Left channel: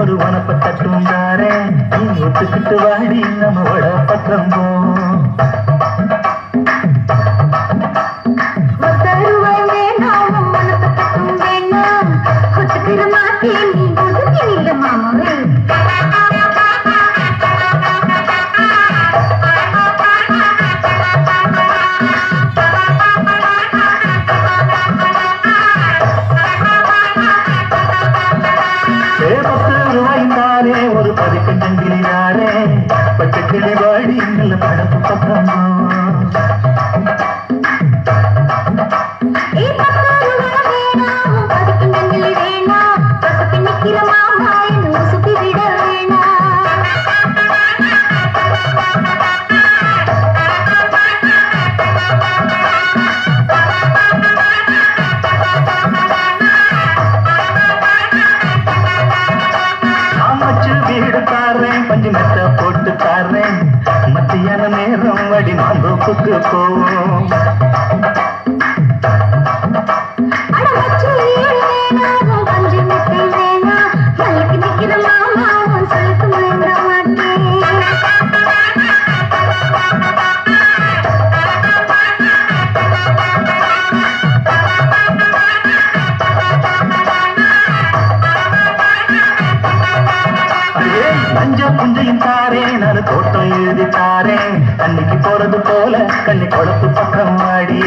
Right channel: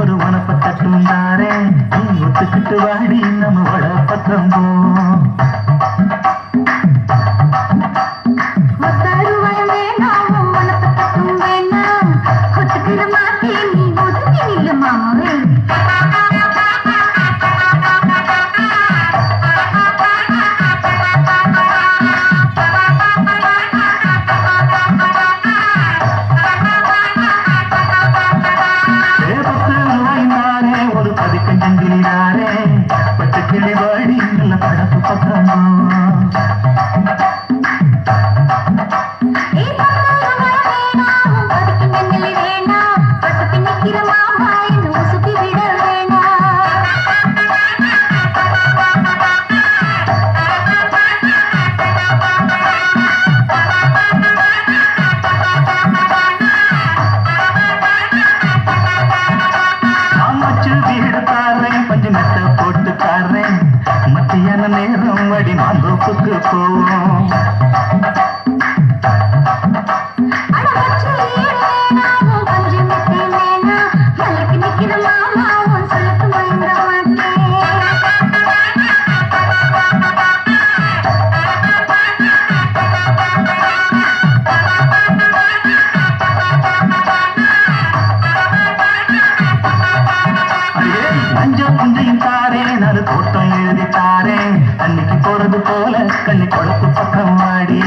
ஒரு வனப்பட்ட தூண்டாரே ஒத்துக்கிட்டு வாடி நம்ம வட பக்கம் போவோம். ஒரு பதிக்கஞ்சிரிதாரே பச்சை கிளி வாடி நல்ல படப்பு பக்கம் வீடு தாரேன் பஞ்சு மெட்ட போட்டு தாரேன் மத்தியான நேரம் வடி மாந்தோப்புக்கு போவோம். கொஞ்சம் கொஞ்சம் தாரேன் அது தோட்டம் எழுதி தாரேன் அன்னைக்கு போறது போல கண்ணி கொடுத்து பக்கம் வாடி.